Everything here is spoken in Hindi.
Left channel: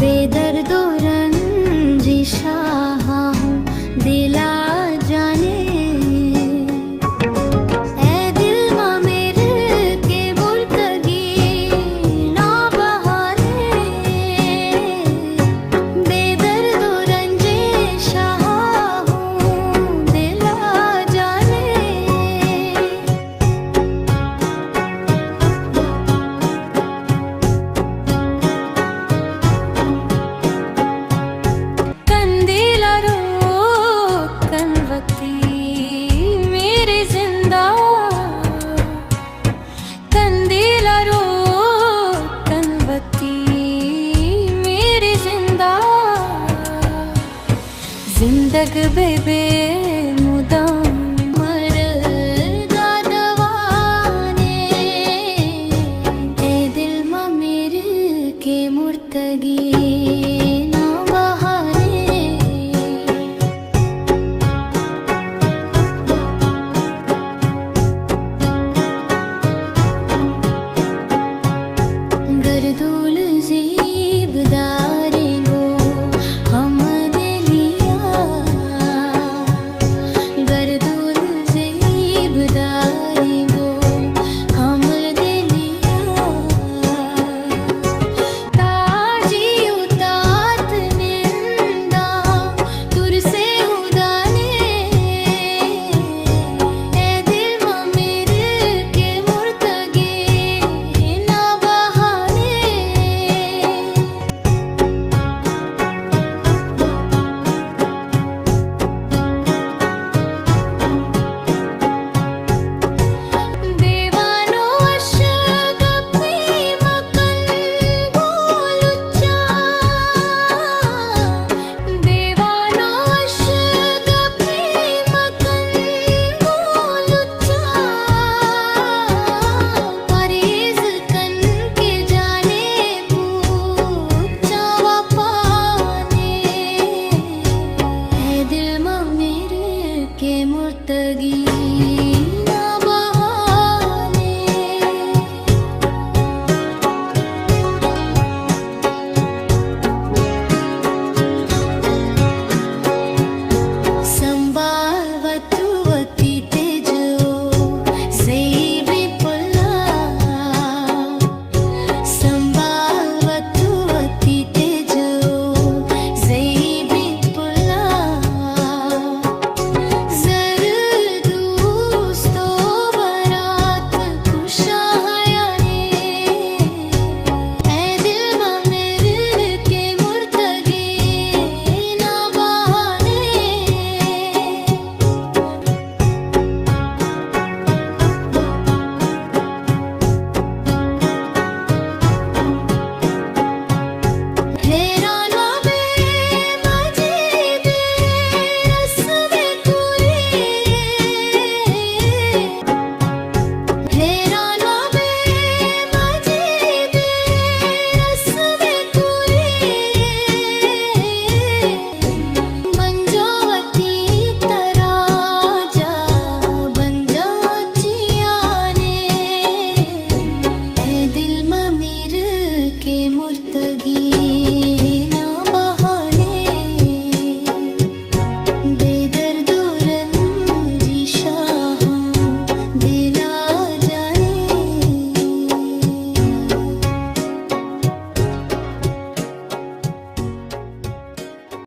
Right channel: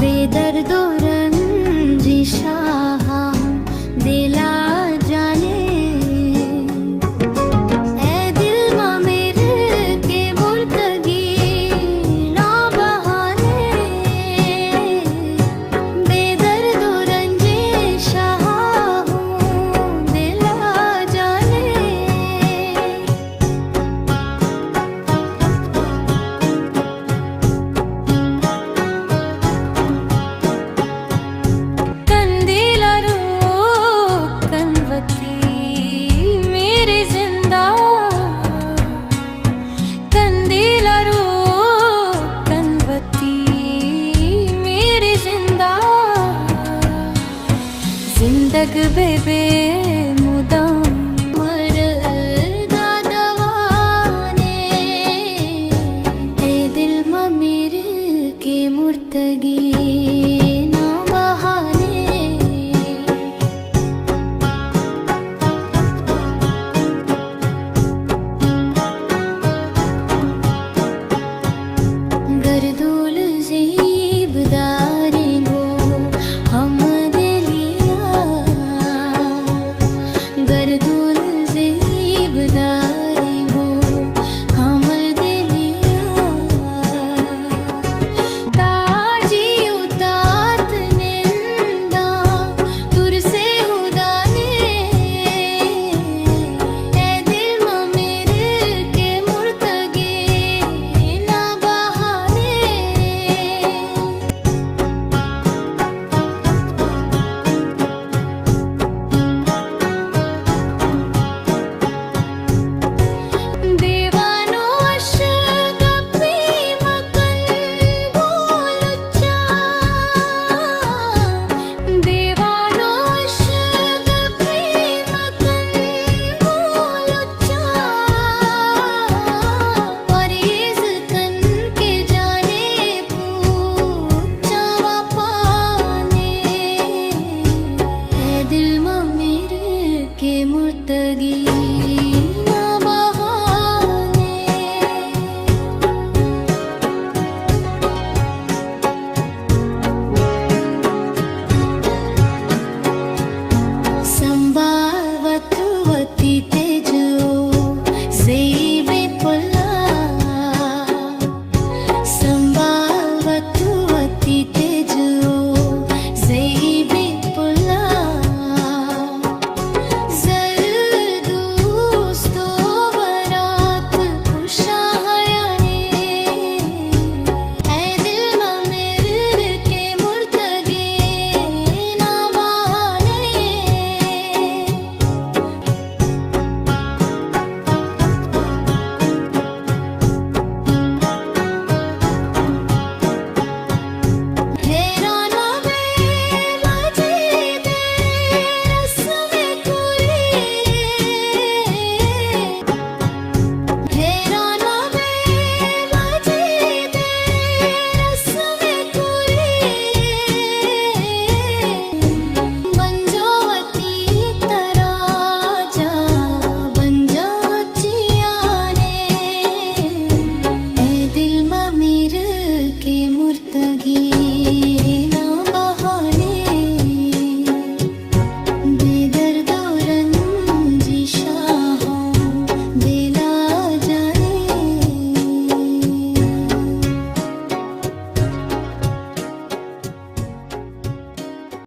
बेदर्दो रंजिशा हूँ दिला जाने ए दिल मा मेरे के मुर्तगी ना बहाने बेदर्दो रंजिशा हूँ दिला जाने मेरे जिंदा कंदीला रो कनवती मेरे जिंदा जिंदग बेबे मुदाम मर दादवाने ए दिल मा मेरे के मुर्तगी ना बहाने गर्दुल ज़ेबदारेंगो हम दिलिया गर्दुल ज़ेबदारेंगो हम दिलिया ताजी उतात निंदा तुर से हुदाने ए दिल मा मेरे के मुर्तगे ना के मुर्तगी ना बहाने संबावतुवती तेजो ज़ेबे पुला संबावतुवती तेजो ज़ेबे पुला के मुर्तगी